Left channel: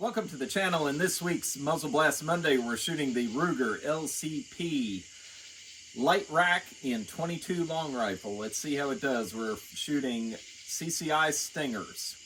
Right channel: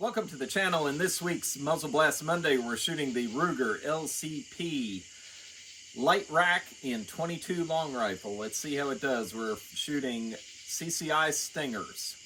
Welcome to the channel. In this week's Muzzle Blast Monday, we're shooting the Ruger LCP light rack in 22 long rifle. Let's see how it does. We're shooting CCI Stingers.